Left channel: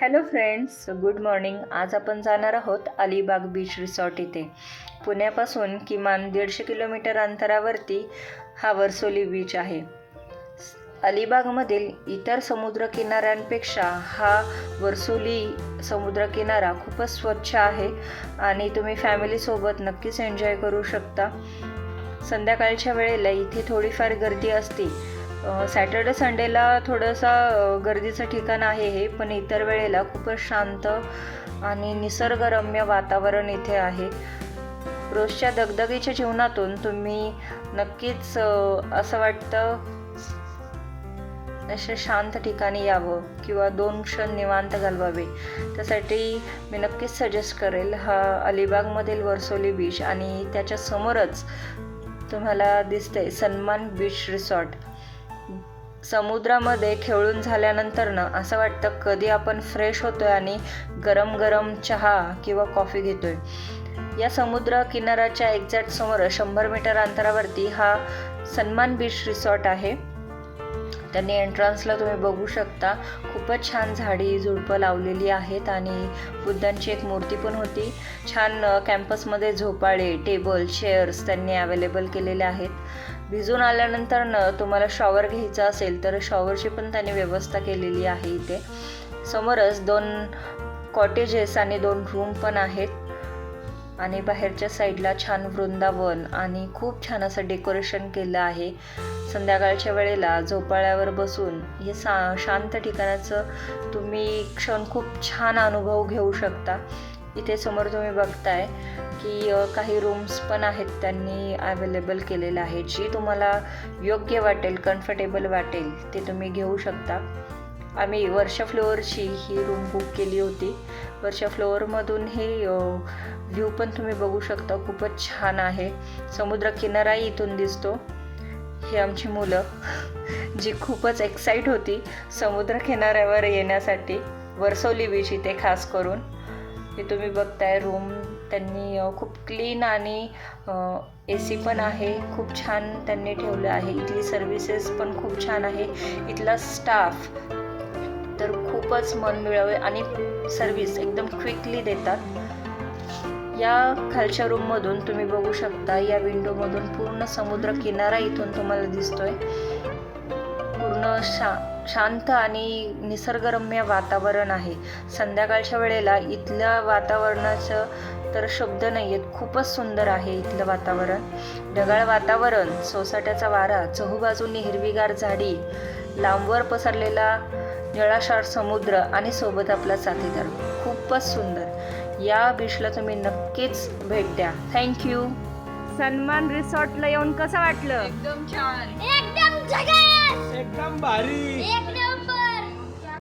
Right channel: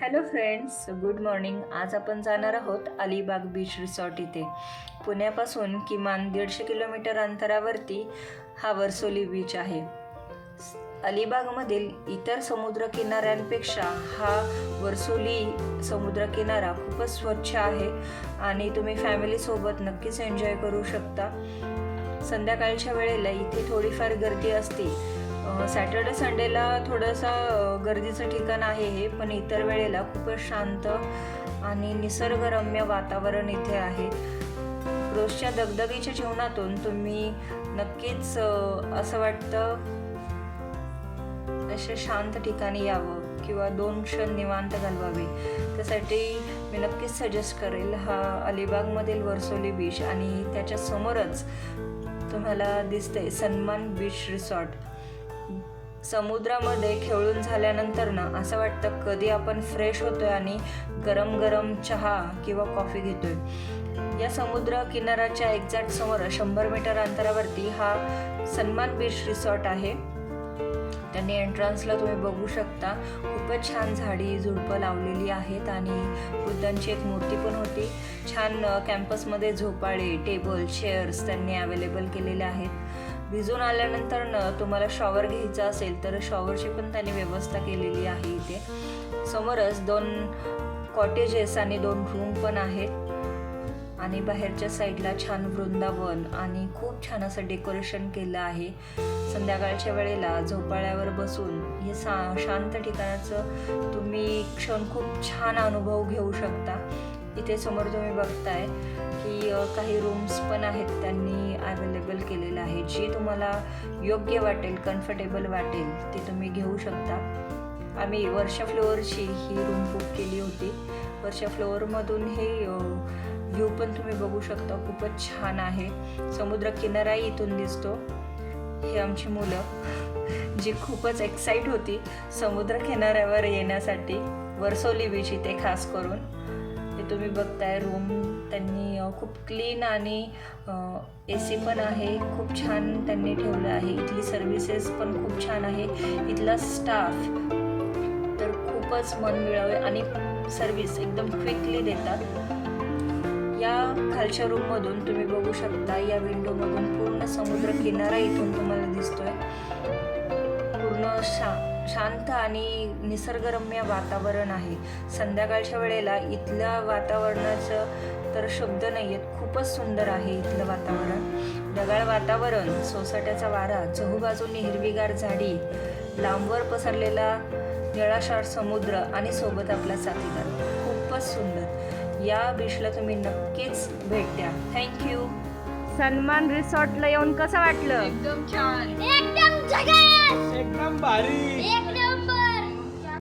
Hello friends, good morning. आज आपण जाणार आहोत अलिबाग बीच रिसॉर्ट इथे. पुण्यापासून किमान 150 किलोमीटर अंतरावरती हा वर्सोली बीच आहे. अलिबागमधील इतर समुद्रकिनाऱ्यांपेक्षा हा वर्सोली समुद्रकिनारा खूपच स्वच्छ आहे आणि तुम्ही फॅमिलीसोबत नक्कीच एन्जॉय करू शकता. संध्याकाळच्या वेळेला इथे थोडीफार गर्दी असते. सॅटर्डे संडेला थोडंसा गर्दीचं ठिकाण आहे हे, पण इतर वेळेला खूपच शांत आणि निसर्गरम्य वातावरण इथे आहे. रोजच्या दगदगीच्या जीवनातून तुम्ही नक्कीच असं वाटतं अशा शांत ठिकाणी यावं किंवा 2 क्षण निवांत घालवावे. त्यासाठी मी नक्कीच सजेस्ट करेल हा अलिबागमधील वर्सोली बीच. आणि त्याच्या समोरच तुम्हाला दिसते सन्मान बीच रिसॉर्ट. समुद्रामध्ये खेळून झाल्यानंतर असं वाटतं कधी आपण फ्रेश होतोय आणि गरम गरम चहा किंवा कॉफी घेतोय. या समुद्र किनाऱ्याच्या एक्झॅक्ट समोर 100 मीटर अंतरावरती हा सन्मान बीच रिसॉर्ट आहे. त्यांनी एंट्रन्सला तुम्ही बघू शकता खूपच छान झाडी झुडपं लावलेली आहेत आणि बुद्धांची एक मूर्ती पण होती. छान कॅम्पसमध्ये झोपाळे, टेबल, चेअर्स त्यांनी अवेलेबल केलेले आहेत. भिजून आल्यानंतर तुम्हाला शॉवर घ्यायचा असेल तर शॉवरची पण त्यांनी व्यवस्था केलेली आहे इथे. समोरच 2 कॉटेजेस आणि 2 रूम पण आहेत आणि बाहेरच्या साईडला छान वृंदावन आणि खूप छान असं डेकोरेशन केलं आहे. संध्याकाळच्या वेळेला झोपाळ्यावर बसून हे शांत ठिकाणाचं तुम्ही क्षण खूप छान अनुभव घेऊ शकता. इथे समोर तुम्ही बघताय की काही रूम्स पण आहेत त्यांनी अवेलेबल केलेले आहेत. जी तुम्हाला योग्य वाटेल, कम्फर्टेबल वाटेल ते तुम्ही घेऊ शकता. आम्ही वरच्या फ्लोअरची ही रूम बुक केली होती. वरच्या फ्लोअरमधून हे व्ह्यू पण तुम्ही बघू शकता, खूपच छान आहे. समुद्र किनाराही इथून दिसतो. हे आमची मुलं जी खूपच एक्साईट होती समुद्र किनाऱ्यावर येण्यासाठी, वर्सोली बीच इथे खास करून. हे तुम्ही बघताय रूम त्यांनी खूप क्लीन आणि AC पण आहे, खूप छान त्यांनी ठेवलं आहे. इथली सर्व्हिसेस पण खूप छान आहे. इथला स्टाफ तर खूपच मनमिळावे आणि सर्व्हिस एकदम क्विकली देतात. या खालच्या रूममधून तुम्ही बघू शकता, या विंडोमधून पूर्ण समुद्र किनारा इथून तुम्हाला दिसतोय. पूर्ण शांत आणि निसर्गरम्य वातावरण आहे. संध्याकाळच्या वेळेला इथल्या वातावरणाचं तर शब्द नाही आहेत, खूपच सुंदर आहे इथलं वातावरण. ढगाळ वातावरण, सोसाट्याचा वारा, चहूबाजूंनी हिरवीगार झाडी, लांबवर पसरलेला निळाशार समुद्र आणि सोबत आपला साथीदार, खूपच सुंदर. या बीचला तुम्ही नक्कीच भेट द्या. थँक्यू. सन्मान रिसॉर्टला येऊन कसं वाटलं? एकदम छान, एकदम झकास, एकदम भारी, एक नंबर.